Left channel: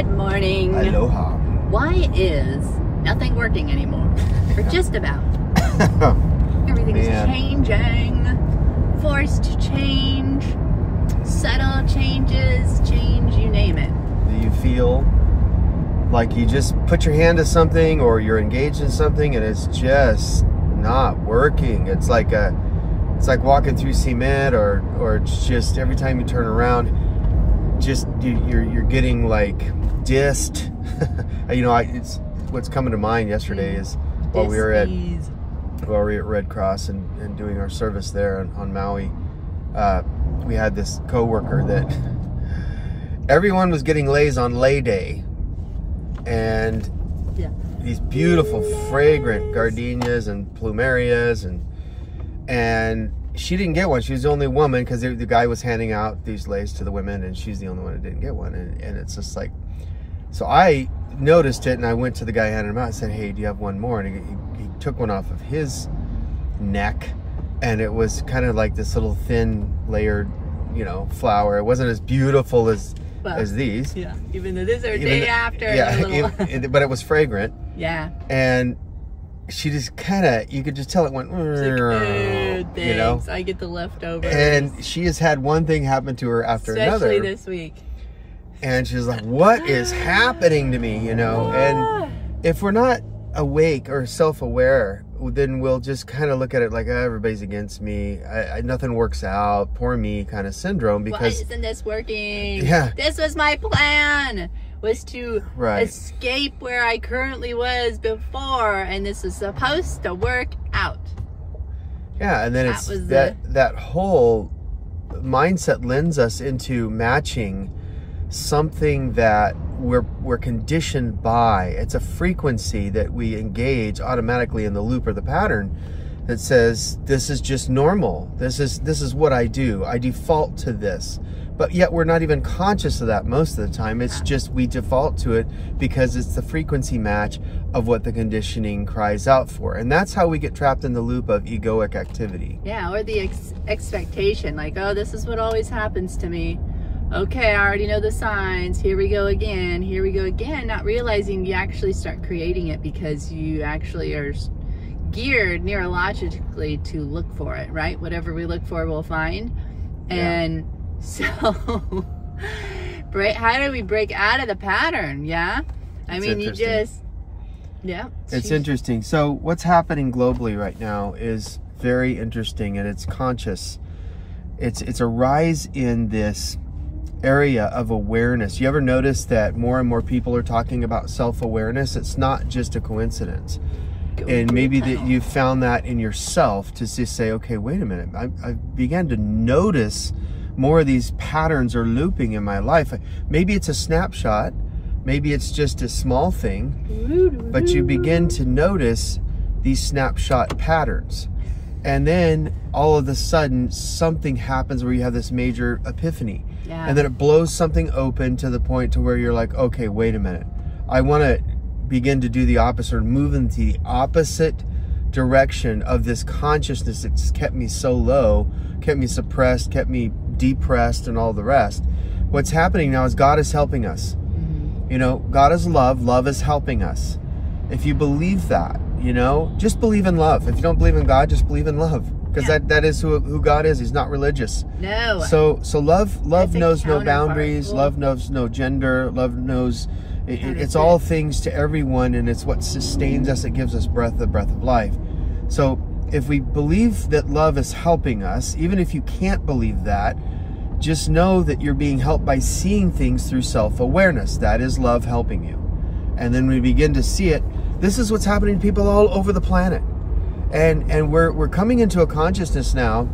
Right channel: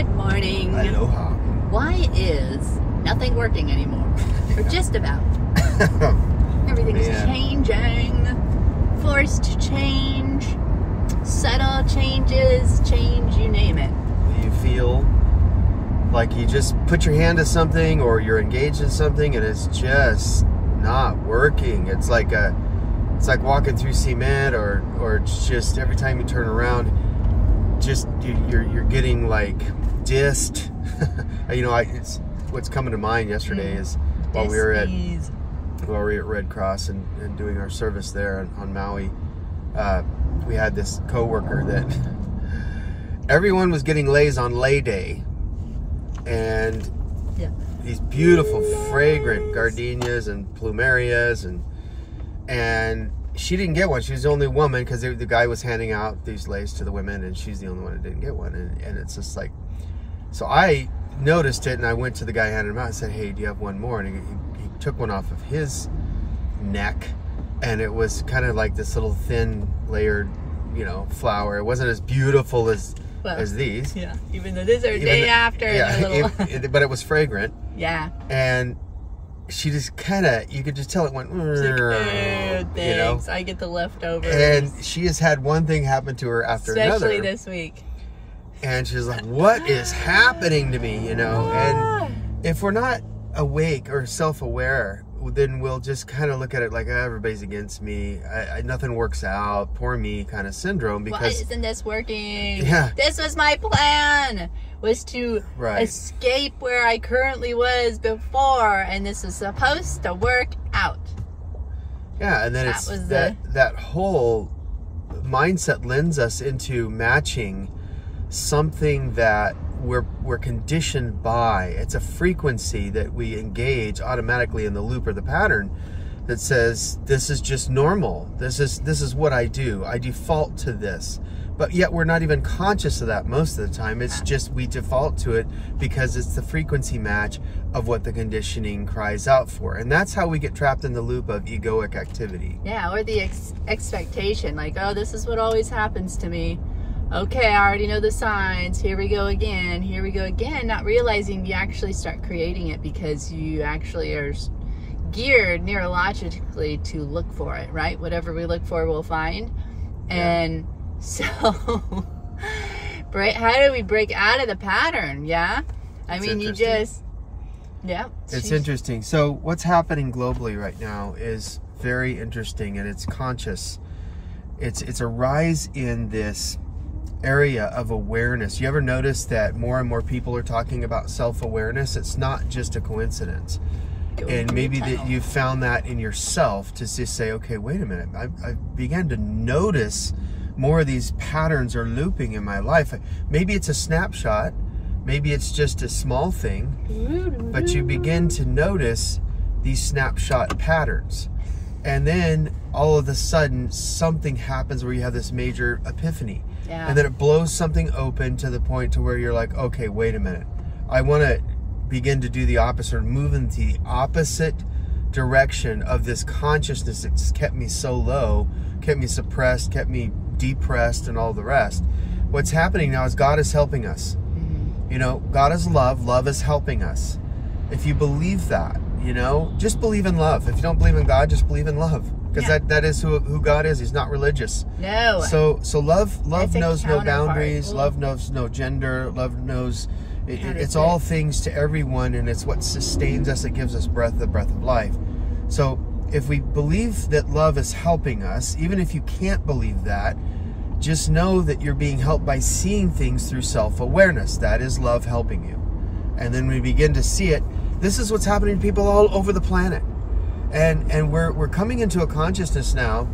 Good morning. Aloha. Why is nothing working anymore? Or just about. Everything is changing. Forced change. Subtle changes. Change, you name it. Do you feel like you just put your hand to something or you're engaged in something and it's just not working? It's like walking through cement, or it's just every time you turn around, just you're getting like dissed. You know, it's what's coming to mind yesterday is while we were at Red Cross and doing our service there on Maui, we had this coworker that everyone was getting lays on lay day, and these beautiful fragrant gardenias and plumerias, and she didn't get one. She was the only woman because the guy was handing out these lays to the women, and she's the only one that didn't get one. And it's just like, so I noticed it, and I went to the guy handing them out and said, "Hey, do you have one more?" And he took one off of his neck, and it was kind of like this little thin layered, you know, flower. It wasn't as beautiful as these. Yeah, even though this is day after. Yeah, but it was fragrant. Yeah. And she just kind of, you could just tell it went, like, thanks, you know? I get the leftovers. And she has had one thing happen to her after another. Especially this week. And she's like, what is happening to me, you know? And if we're not awake or self-aware, then we'll just kind of look at it like, everybody's against me. Nothing works out. Poor me kind of syndrome. Because why isn't this working? Yeah. This was my plan. Was to escape where I currently was before, and this was supposed to work out. Yeah, and then that whole mindset lends us into matching something that we're conditioned by. It's a frequency that we engage automatically in the loop or the pattern that says this is just normal. This is what I do. I default to this. But yet we're not even conscious of that most of the time. It's just we default to it because it's the frequency match of what the conditioning cries out for. And that's how we get trapped in the loop of egoic activity. Yeah, or the expectation. Like, oh, this is what always happens to me. Okay, I already know the signs. Here we go again. Here we go again. Not realizing you actually start creating it because you actually are geared neurologically to look for it, right? Whatever we look for, we'll find. And so, how do we break out of the pattern? Yeah, I mean, you just, it's interesting. So what's happening globally right now is very interesting, and it's conscious. It's a rise in this area of awareness. You ever notice that more and more people are talking about self-awareness? It's not just a coincidence. And maybe that you found that in yourself to just say, okay, wait a minute, I began to notice more of these patterns are looping in my life. Maybe it's a snapshot, maybe it's just a small thing, but you begin to notice these snapshot patterns. And then all of a sudden something happens where you have this major epiphany. Yeah. And then it blows something open to the point to where you're like, okay, wait a minute. I want to begin to do the opposite, or move into the opposite direction of this consciousness that's kept me so low, kept me suppressed, kept me depressed, and all the rest. What's happening now is God is helping us. You know, God is love. Love is helping us. If you believe that, you know, just believe in love. If you don't believe in God, just believe in love. Because that is who God is. He's not religious. No. So love knows no boundaries. Love knows no gender. Love knows it's all things to everyone, and it's what sustains us. It gives us the breath of life. So if we believe that love is helping us, even if you can't believe that, just know that you're being helped by seeing things through self-awareness. That is love helping you. And then we begin to see it. This is what's happening to people all over the planet. And we're coming into a consciousness now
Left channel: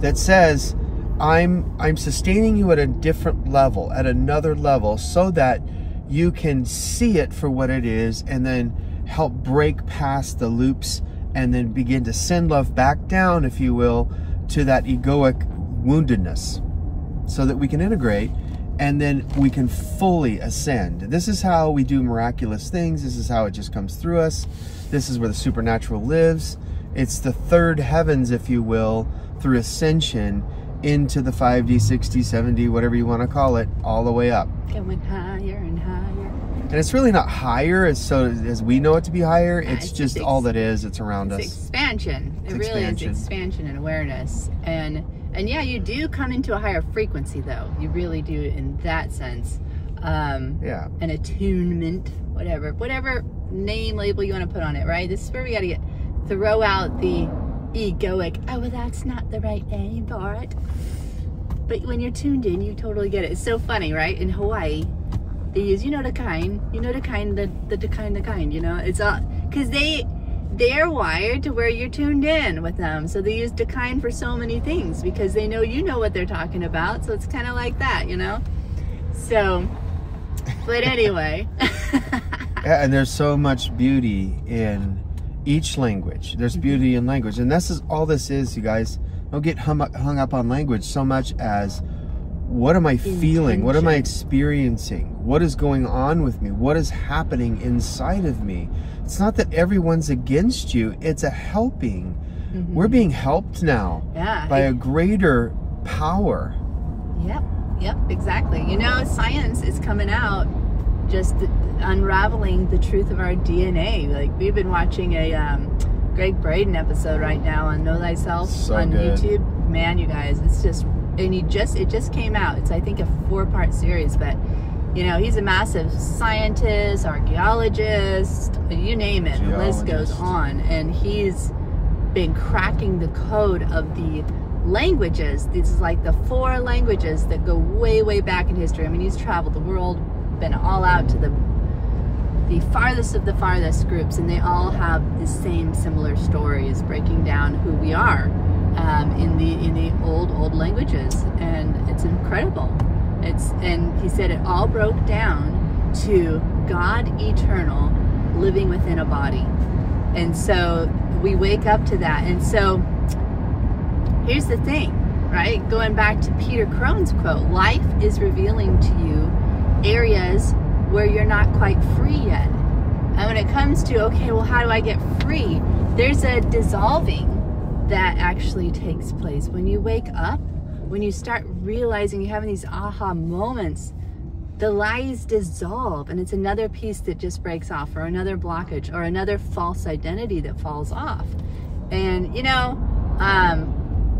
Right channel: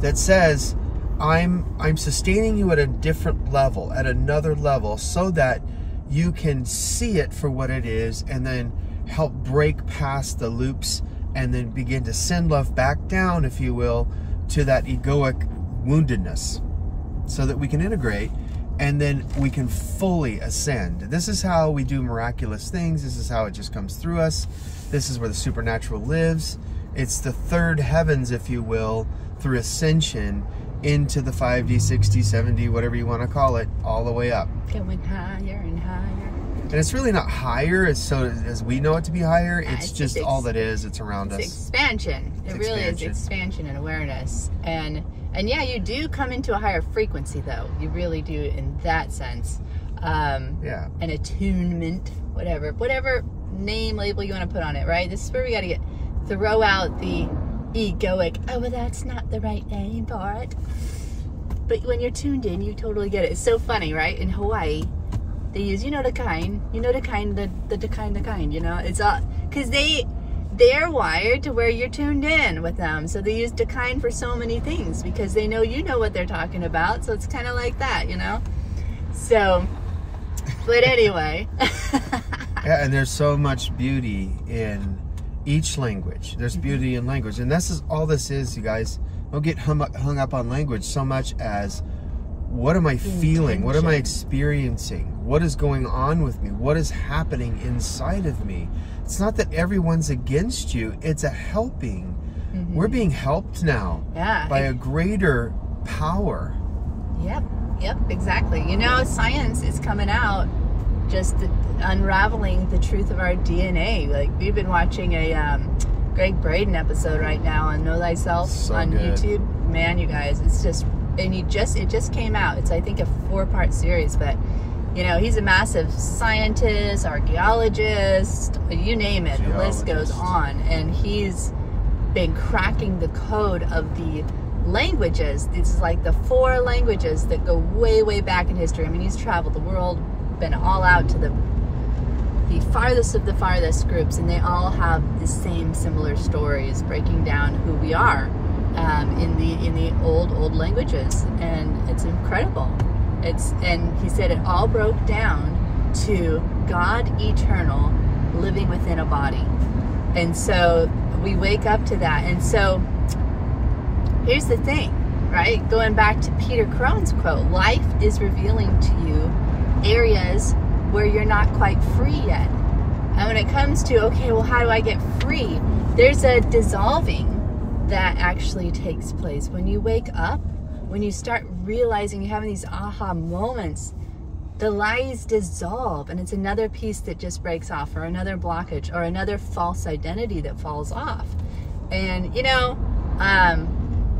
that says, I'm sustaining you at a different level, at another level, so that you can see it for what it is, and then help break past the loops, and then begin to send love back down, if you will, to that egoic woundedness, so that we can integrate, and then we can fully ascend. This is how we do miraculous things. This is how it just comes through us. This is where the supernatural lives. It's the third heavens, if you will, through ascension into the 5D, 6D, 7D, whatever you want to call it, all the way up. Going higher and higher. And it's really not higher as we know it to be higher. It's just all that is. It's around us. Expansion. It really is expansion and awareness. And yeah, you do come into a higher frequency, though. You really do in that sense. Yeah. An attunement, whatever name label you want to put on it, right? This is where we got to throw out the egoic, oh, well, that's not the right name for it. But when you're tuned in, you totally get it. It's so funny, right? In Hawaii, they use, the kind, it's all, because they're wired to where you're tuned in with them. So they use decline for so many things because they know what they're talking about. So it's kind of like that, So, but anyway. Yeah, and there's so much beauty in each language. There's beauty in language. And this is all this is, you guys. Don't get hung up on language so much as what am I feeling? What am I experiencing? What is going on with me? What is happening inside of me? It's not that everyone's against you. It's a helping. We're being helped now by a greater power. Yep, exactly. Science is coming out just unraveling the truth of our DNA. Like, we've been watching a Greg Braden episode right now on Know Thyself on YouTube. Man, you guys, it's just, and it just came out. It's, I think, a 4-part series, but he's a massive scientist, archaeologist, you name it, the list goes on, and he's been cracking the code of the languages. These is like the 4 languages that go way back in history. I mean, he's traveled the world, been all out to the farthest of the farthest groups, and they all have the same similar stories breaking down who we are in the old languages, and it's incredible. And he said it all broke down to God eternal living within a body. And so we wake up to that. And so here's the thing, right? Going back to Peter Crone's quote, life is revealing to you areas where you're not quite free yet. And when it comes to, okay, well, how do I get free? There's a dissolving that actually takes place when you wake up. When you start realizing, you're having these aha moments, the lies dissolve, and it's another piece that just breaks off, or another blockage, or another false identity that falls off. And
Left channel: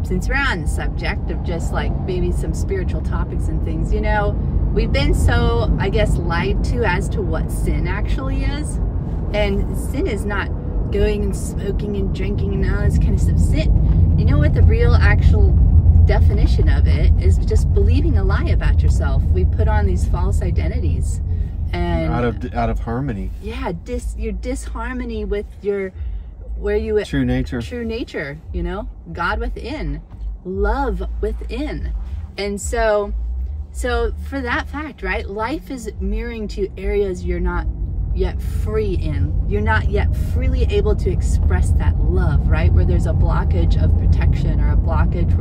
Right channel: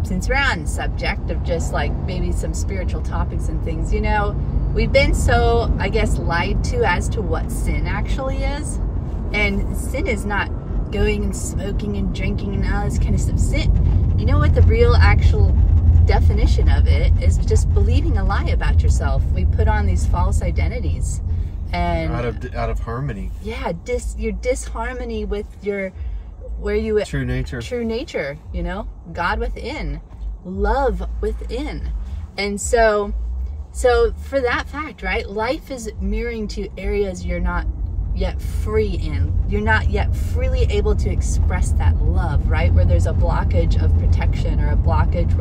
since we're on the subject of just like maybe some spiritual topics and things, we've been so, I guess, lied to as to what sin actually is. And sin is not going and smoking and drinking and all this kind of stuff. Sin, what the real actual definition of it is? Just believing a lie about yourself. We put on these false identities, and out of harmony. Yeah, your disharmony with your true nature. God within, love within, and so for that fact, right? Life is mirroring to areas you're not yet free in. You're not yet freely able to express that love, right? Where there's a blockage of protection, or a blockage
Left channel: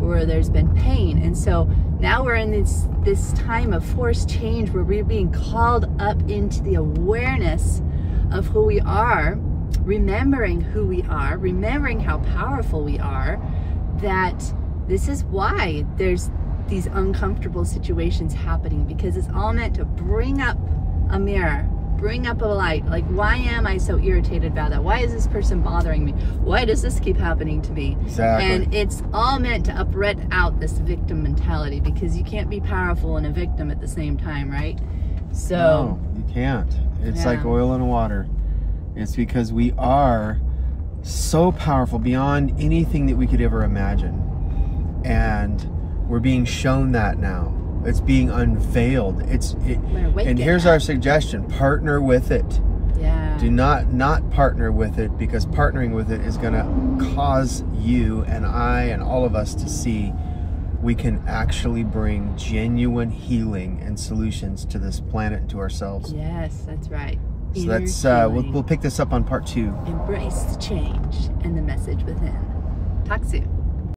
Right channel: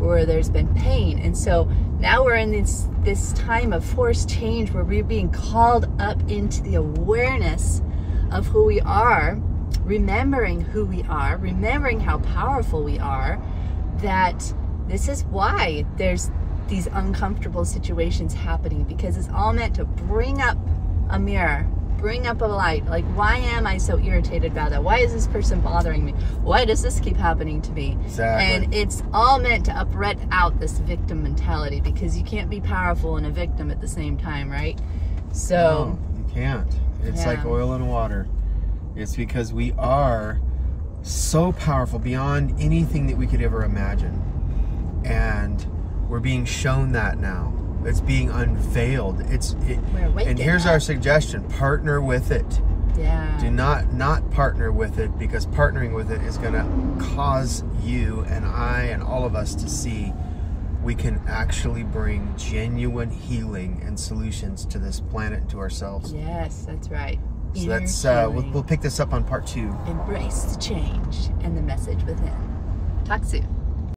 where there's been pain. And so now we're in this time of forced change where we're being called up into the awareness of who we are, remembering who we are, remembering how powerful we are, that this is why there's these uncomfortable situations happening, because it's all meant to bring up a mirror, bring up a light. Like, why am I so irritated about that? Why is this person bothering me? Why does this keep happening to me? Exactly. And it's all meant to uproot out this victim mentality, because you can't be powerful and a victim at the same time, right? So no, you can't. It's like oil and water. It's because we are so powerful beyond anything that we could ever imagine, and we're being shown that now. It's being unveiled. And here's our suggestion: partner with it. Yeah. Do not partner with it, because partnering with it is going to cause you and I and all of us to see we can actually bring genuine healing and solutions to this planet and to ourselves. Yes, that's right. So that's we'll pick this up on part 2. Embrace the change and the message within. Talk soon.